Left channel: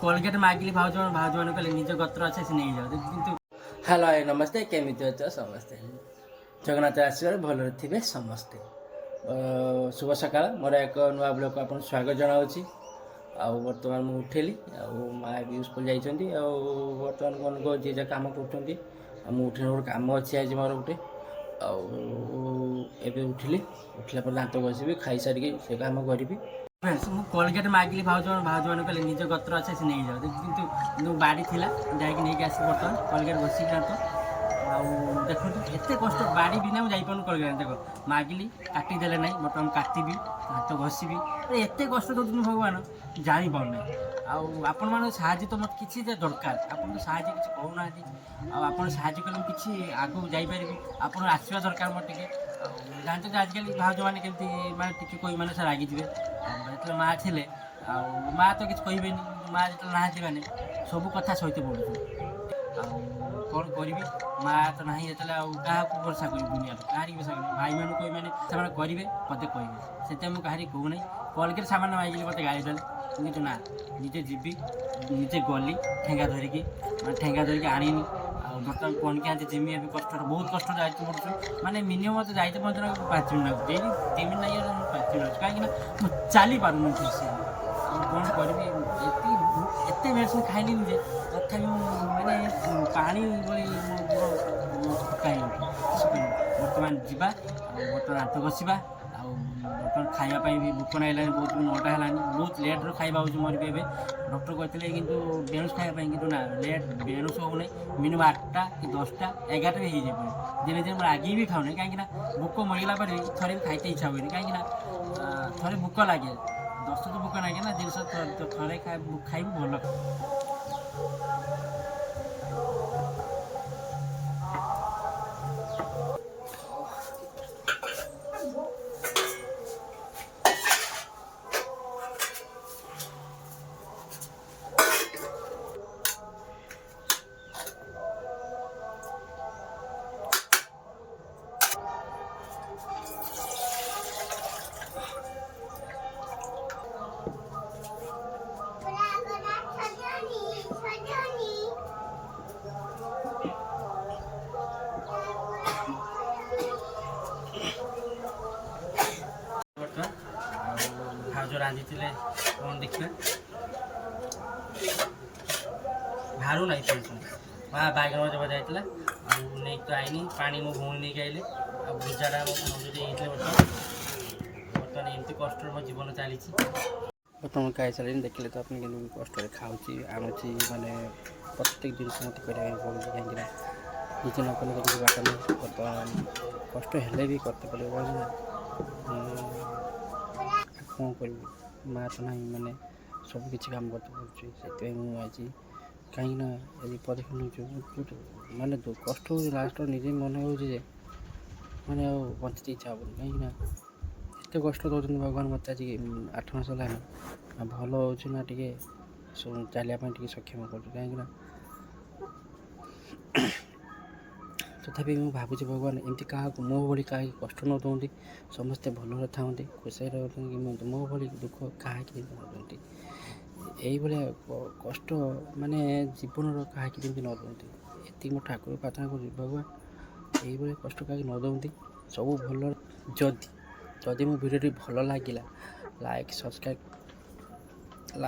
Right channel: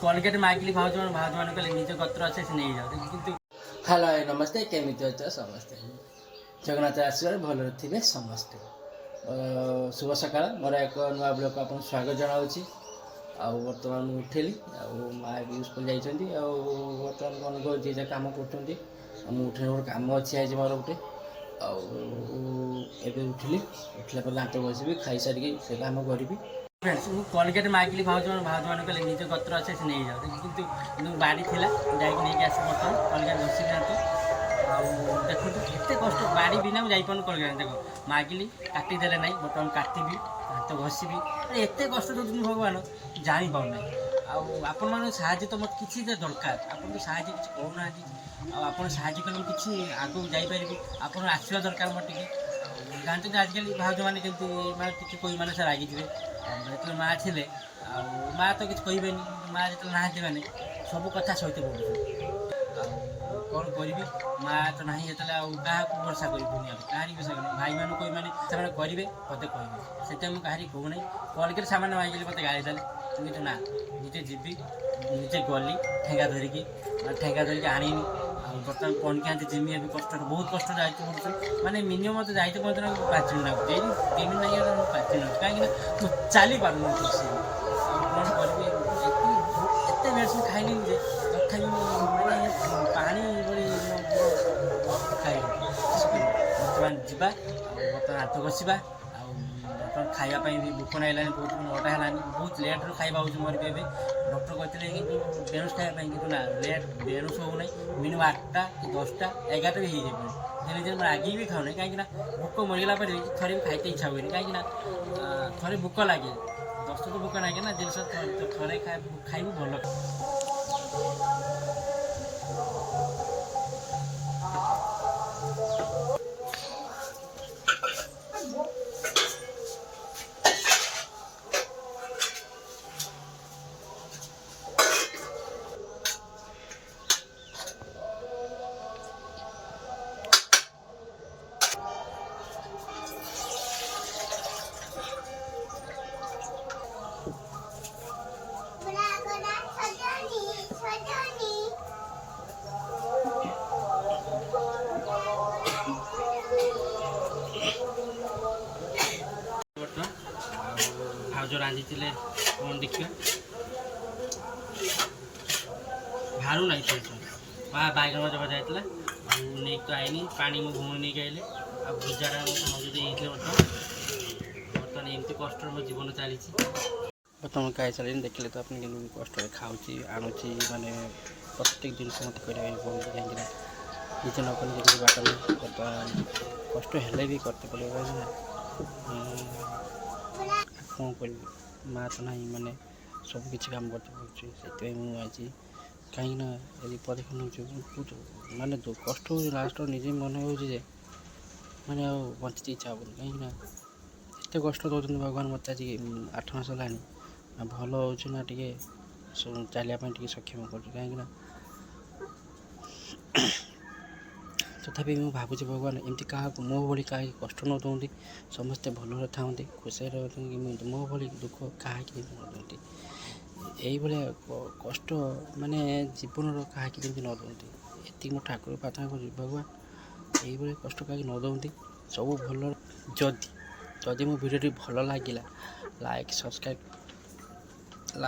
Colgate मागिली भाज भाज मैंने कहले निज गोत्र अच्छे से नहीं जाओ किंतु हेलो नमस्ते केमिति अछ समस्ते जगन्नाथ आशीर्वाद भलरे थिबे समस्ते शुभ सकाळ मोर एक नुआ ब्लॉग को आपन स्वागत जनाउछि आ वर्तमान मु उठेली आ माँ भी स्कूल जाइछन्ती आ वर्तमान मन को जे जे काम करछन्ती मु उठे और काम अछि आज मोर उठे आ एबे उठिली उठला पर दांत घसीबी खाई सारी से काम करिबी फ्रेंड्स मु कोलगेट मागिली भाज मैंने कहले निज गोत्र अच्छे से नहीं जाओ किंतु बाड़ी थिला जाइक नहीं आसी बर्तमान कोलगेट घसीली दांत आउ देखो एत कष्ट बाड़ी बिना मुझे जापन कोलगेट देख मागिली काटिदेले ना बर्तमान काटबी दांत घसीबी अरे एत कष्ट दूसरी भगवान जापाना आपण मान साहय तो मत किसी दरकार आपन तो साहय किसी कहूना आप साहय कले किसी आगू जापारि आप आसवा दरकार मत टे जानते तो आजिकल भाज मैंने केमती माँ किसी कोई मैंने से रागिजे जो माँ थे माँ तो किसी कहे माँ जो ना मैंने सब कथा सहित पड़ू कौन करी माँ तो ना जो क्या भरोसा कर दुनिया कह भरोसा कर भाई मान कोई मैंने करेंगे मत कहे से मुझे कह कहूना कोलगेट सामान मांगे मत गाड़ी देले कितु ना निजे जीवी निजे गली ठेंगा धरिकी ठेंगा धरिकी आनीनी बर्तमान पढ़ के आते जिमी अभी कष्ट बहुत कष्ट जाइए पड़े माने मिनिमम मत जाइए पहुँचना 5 मिनट लगुच 3 मिनट नहीं 5 मिनट कहीं चली पार ठीक से कौन करी एत मेडिसिन खाइली जे तथा माने पानी बड़ी खाई बर्तमान जावा बर्तमान हाथ घसवा बर्तमान खावाई भी भोक ना बहुत 9टा है बहुत लेट खाଇବା हो मर भी डॉक्टर कहते कि बेणुस खावाई कि ना लेट बेणुस हो ना मिनिमम 8टा कि 10टा 11टा भी हो जाए दिन दिन आगे भी खाऊनी कहीं भोक मरीगला पर थे भी खाइते इच्छा हुए कहीं थे भोक लगे 10 तो भोक लगे ना जिन थे खाइबू भल भाज रांधि कौन देखिए बाहर ना माँ बैगन जब जाता नहीं तो आईनी पानी मो भौणी नहीं आइले आ भुजाटा बर्तमान एमती कष्ट मो जीवन चली बर्तमान खाई सारे देखिले तो अपनी कष्ट खाऊँगी आणुची माने प्रत्येक जिनस मत करें पड़े कहीं निजे न कले देखिए बाट नहीं बर्तमान कष्ट हेल्ले भी करते पड़े कहीं कौन कर माँ तो ना माने सब किसी काम करते पड़े से मुझे कहीं यदि पदक्षेप माने जो कष्ट हो लास्ट निजे मन हो माने बंचते इच्छा हेन कहीं एत कष्ट दौरान भगवान मत आज 8 मास है भल हो टे चलिए सक्षम कर कहीं तथापि मुझे भावुँ भगवान एमती क्या मो भाई क्या कष्ट न दौंती समस्ते भल था खुशी रहते मो भाई दुख क्या न दौंती यही कष्ट माने जीवन क्या न दौंती ये मो ठाकुर प्रार्थना कर भगवान यही कष्ट क्या न दौंती सब भल जदि मो भिडियो भल लगे लाइक सब्सक्राइब